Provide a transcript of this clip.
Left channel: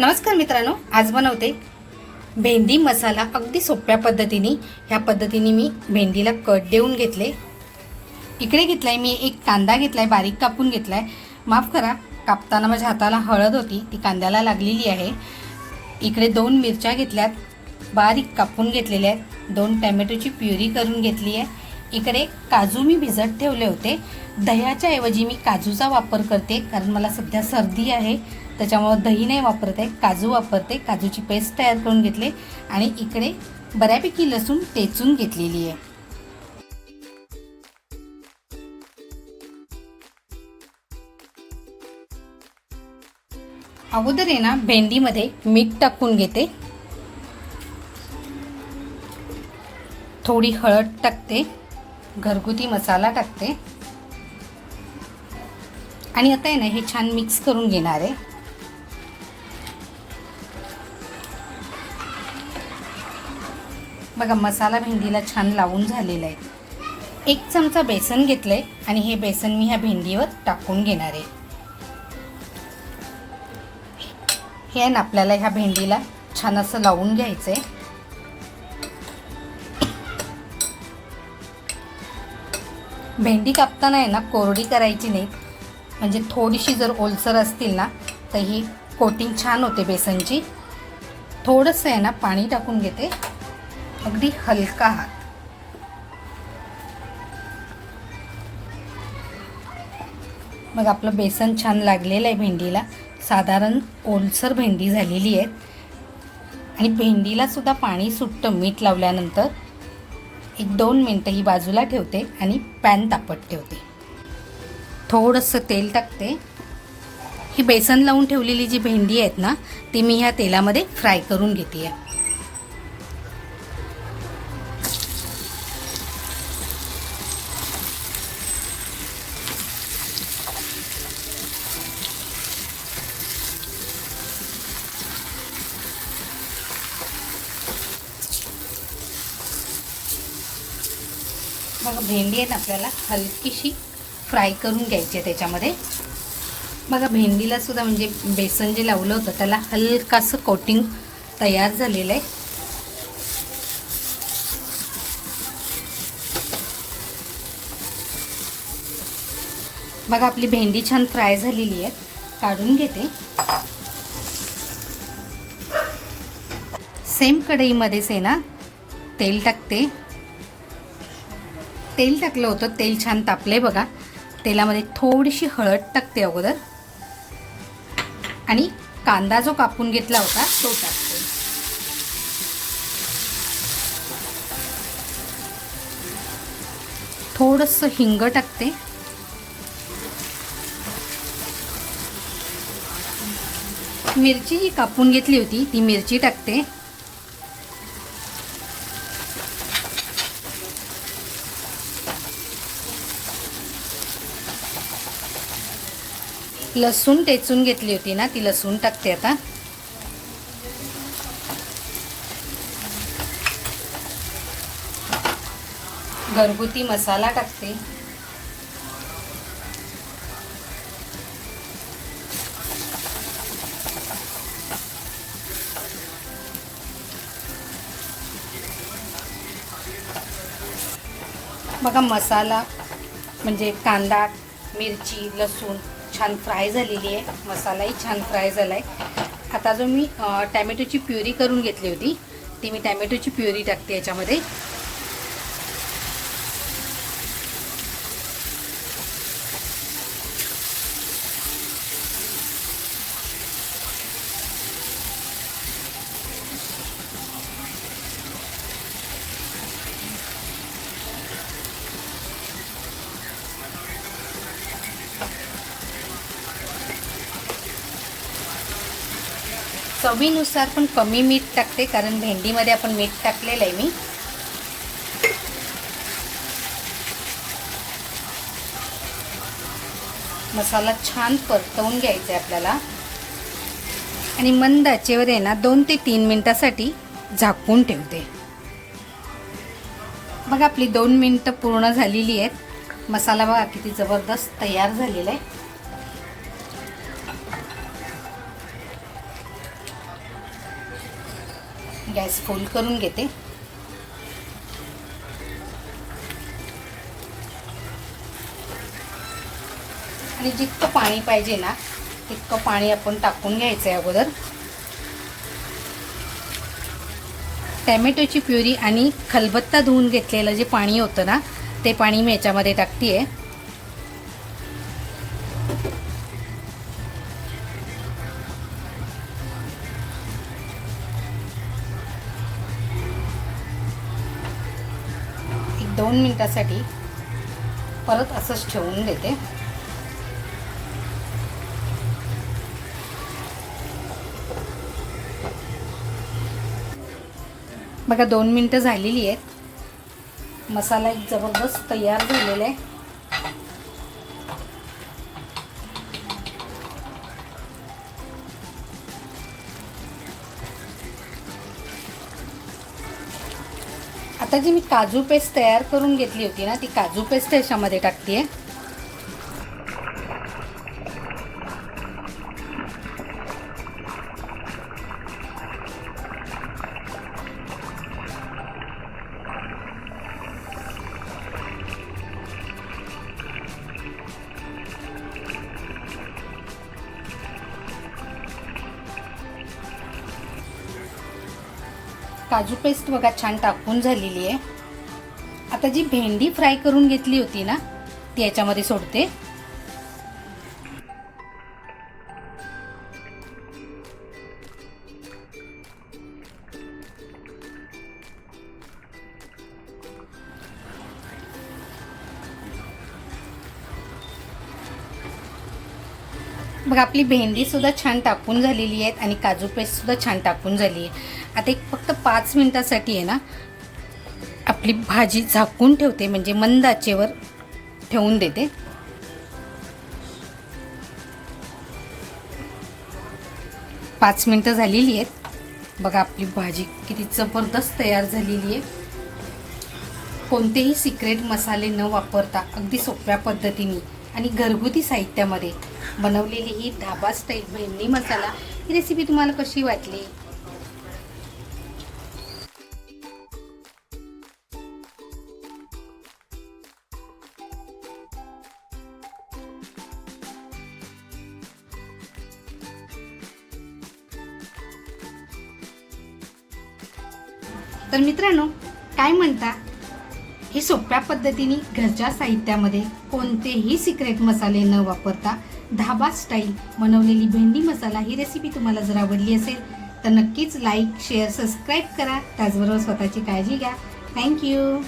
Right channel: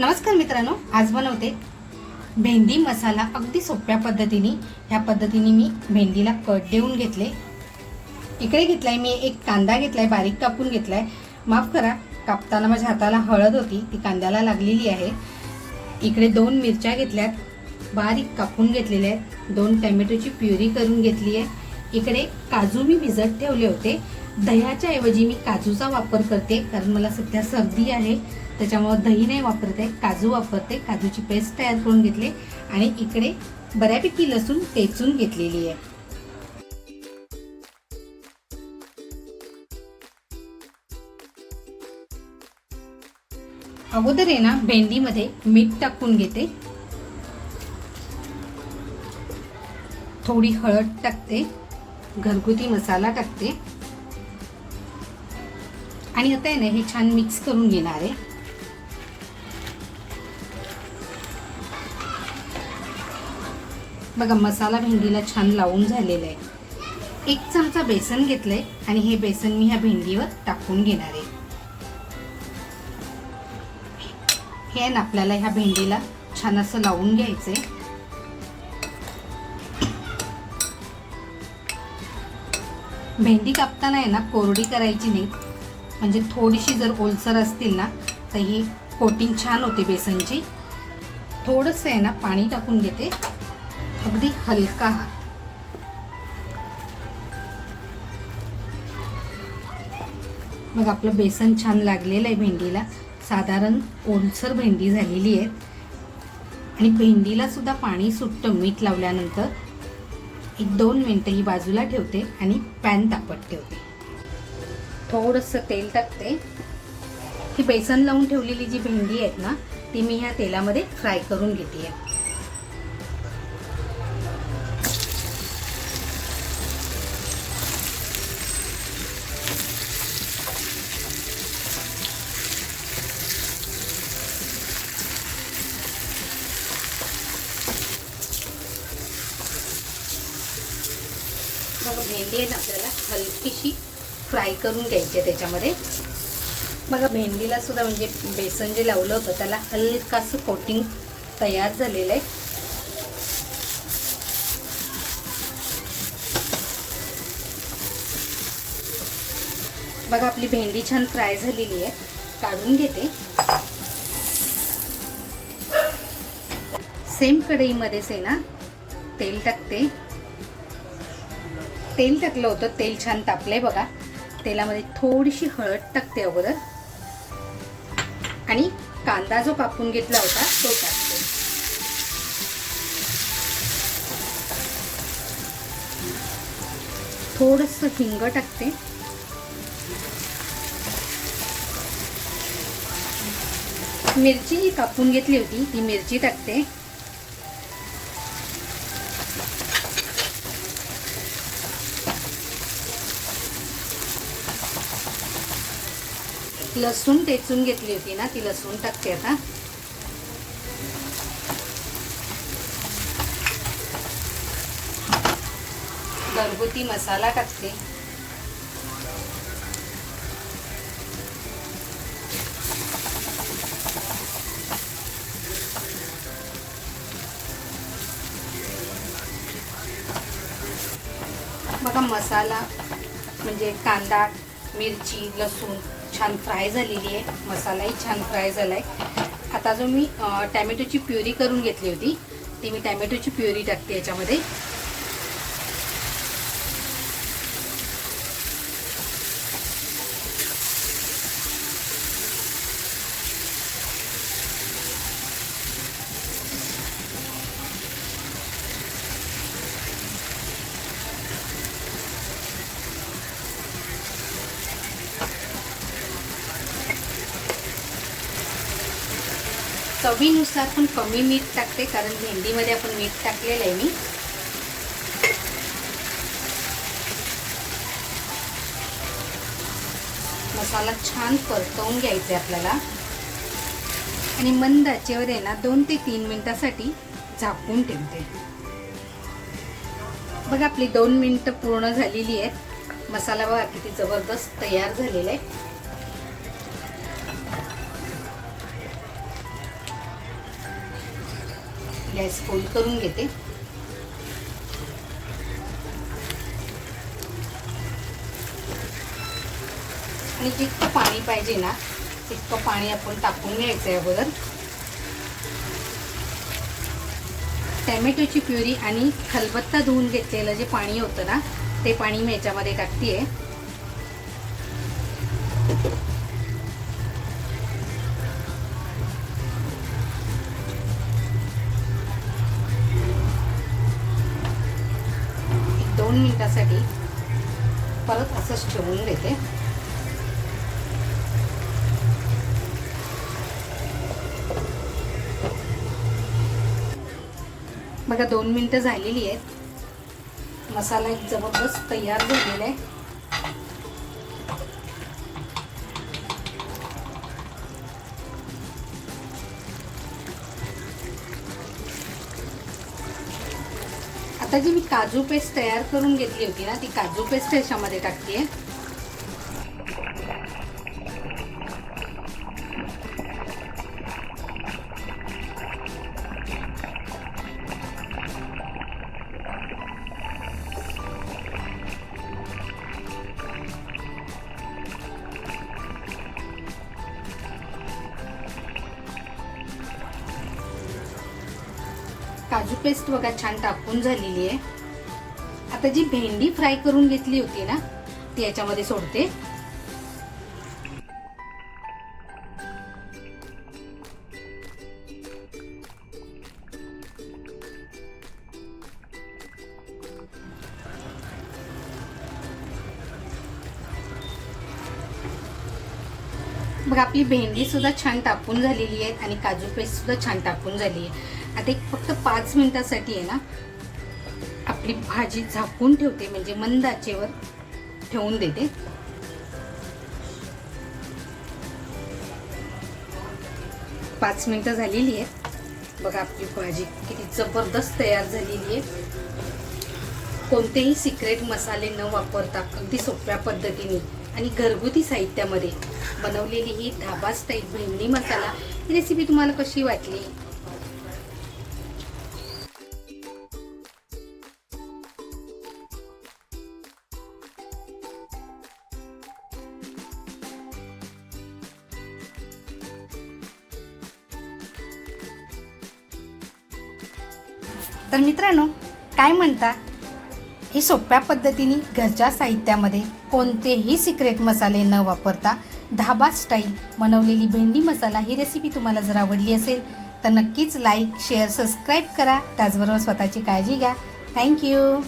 नमस्कार मित्रांनो आज बनवते भेंडी मसाला अगदी सोप्या पद्धतीने. ह्या पद्धतीने मी भेंडीला कट देऊन घेतले. इकडे घेतलाय मी एक कांदा घेतलाय बारीक कापून घेतलाय. माफ करा कापताना माझ्या हाताला हळद होती ती कांद्याला लागलेली आहे. इकडे दोन मिरच्या घेतल्यात बारीक कापून घेतलेल्या आहेत. दोन टॅमॅटोची प्युरी करून घेतली आहे. इकडे काजू मी भिजत ठेवले होते. दह्याच्या ऐवजी मी काजूचा वापर करते कारण मला सध्या सर्दी आहे. त्याच्यामुळं दही नाही वापरत आहे काजू वापरते. काजूची पेस्ट तयार करून घेतले आणि इकडे बऱ्यापैकी लसूण टेचून घेतलेली आहे. अगोदर आहे ना भेंडीमध्ये मीठ टाकून घेते. थोडी हळद टाकते. घरगुती मसाला टाकते. आणि आता आहे ना हे छान मिक्स करून घेणार आहे. बघा मसाला भेंडीला छान लावून झालेला आहे. एक चमचा बेसन घेतलंय आणि हे बेसन मी ह्या भेंडीवर टाकून घेणार आहे. हे आहे ना आपल्याला ह्या भेंडीला छान असं लावून घ्यायचं आहे भेंडी कापताना आहे ना कोरडी करायची नाही. म्हणजे थोडीशी जर ओलसर असतील ना तर ही कोटिंग छान होते बेसनची. थोडंसं आहे ना पाणी टाकून घेते. अगदी हलका हात मग आपलं बेसन छान लागलेलं आहे भेंडीला. साधारण ओलसर भेंडी झालेली आहे. आणि भेंडीला सुद्धा पाणी सुटतं मीठ लावल्यानंतर. एक दोन मिनटं ही बाजूला ठेवते आणि पॅन तापत ठेवते. थोडंसं तेल टाकते. ही बेसन लावून ठेवलेली जी भेंडी आहेत ना ती मी ह्या तेलामध्ये फ्राय करून घेते. मग भेंडी आहेत आपल्याला हलकीशी. फ्राय करून घ्यायची आहे त्याच्यामध्ये. बघा भेंडीला सुद्धा म्हणजे बेसन जे लावलं होतं त्याला हलकासं कोटिंग तयार झालेलं आहे. बघा आपली भेंडी छान फ्राय झालेली आहे. काढून घेते. सेम कढईमध्येच आहे ना तेल टाकते. तेल टाकलं होतं तेल छान तापलंय बघा. तेलामध्ये थोडीशी हळद टाकते अगोदर. आणि कांदा जो कापून घेतला होता तो टाकते. थोडस हिंग टाकते. मिरची ही कापून घेतली होती ती मिरची टाकते. लसूण टेचून घेतली होती ना ती लसूण टाकते आता. घरगुती मसाला टाकते. बघा मसाला म्हणजे कांदा मिरची लसूण छान फ्राय झालेली आहे. मसालाही छान फ्राय झाला आहे आता जो मी टॅमॅटोची प्युरी करून घेतली होती. ती मी टॅमॅटोची प्युरी टाकते याच्यामध्ये. चवीनुसार पण कमी मीठ टाकते कारण भेंडीमध्ये आपण मीठ टाकलेलं आहे मी. मसाला छान परतवून घ्यायचा आहे आपल्याला. आणि मंद आचेवर आहे ना दोन ते तीन मिनिटासाठी झाकून ठेवते. बघा आपली दोन मिनिटं पूर्ण झालेली आहेत. मसाला बघा किती जबरदस्त तयार झालेला आहे. फोल्ड करून घेते. आणि जितकं पाणी पाहिजे ना तितकं पाणी आपण टाकून घ्यायचं आहे अगोदर. टॅमॅटोची प्युरी आणि खलबत्ता धुवून घेतलेलं जे पाणी होतं ना ते पाणी मी याच्यामध्ये टाकते आहे दोन मिनिटासाठी परत असंच ठेवून देते. बघा दोन मिनटं झालेली आहेत. मसाला एक जबरदस्त तयार झालेला आहे. जी मी काजू पेस्ट तयार करून घेतली होती ना ती काजू पेस्ट याच्यामध्ये टाकते काजू पेस्ट बघा छान टाकून झालेली आहे. आता जी भेंडी फ्राय करून घेतली होती ना ती याच्यामध्ये सोडते. बघा आपली भेंडी सुद्धा छान टाकून झालेली आहे आणि काजू पेस्ट सुद्धा छान टाकून झाली आहे. आता एक फक्त पाच मिनटासाठी आहे ना आपली भाजी झाकून ठेवते म्हणजे मंद आचेवर ठेवून देते. पाच मिनिटं झालेली आहेत. बघा आपली भाजी किती जबरदस्त तयार झालेली आहे. कोणतेही सिक्रेट मसाले न वापरता अगदी सोप्या पद्धतीने आणि घरगुती साहित्यामध्ये बनवलेली ही ढाबा स्टाईल भेंडी मसाला. ही रेसिपी तुम्हाला कशी वाटली? तर मित्रांनो काय म्हणता? हे सोप्या पद्धतीने घरच्या साहित्यामध्ये कोणतेही सिक्रेट मसाले न वापरता धाबा स्टाईल बनवलेली भेंडी मसाला ही रेसिपी तुम्हाला जर आवडली असेल तर नक्कीच लाईक शेअर सबस्क्राईब करा. त्याचबरोबर स्वतःची काळजी घ्या. थँक्यू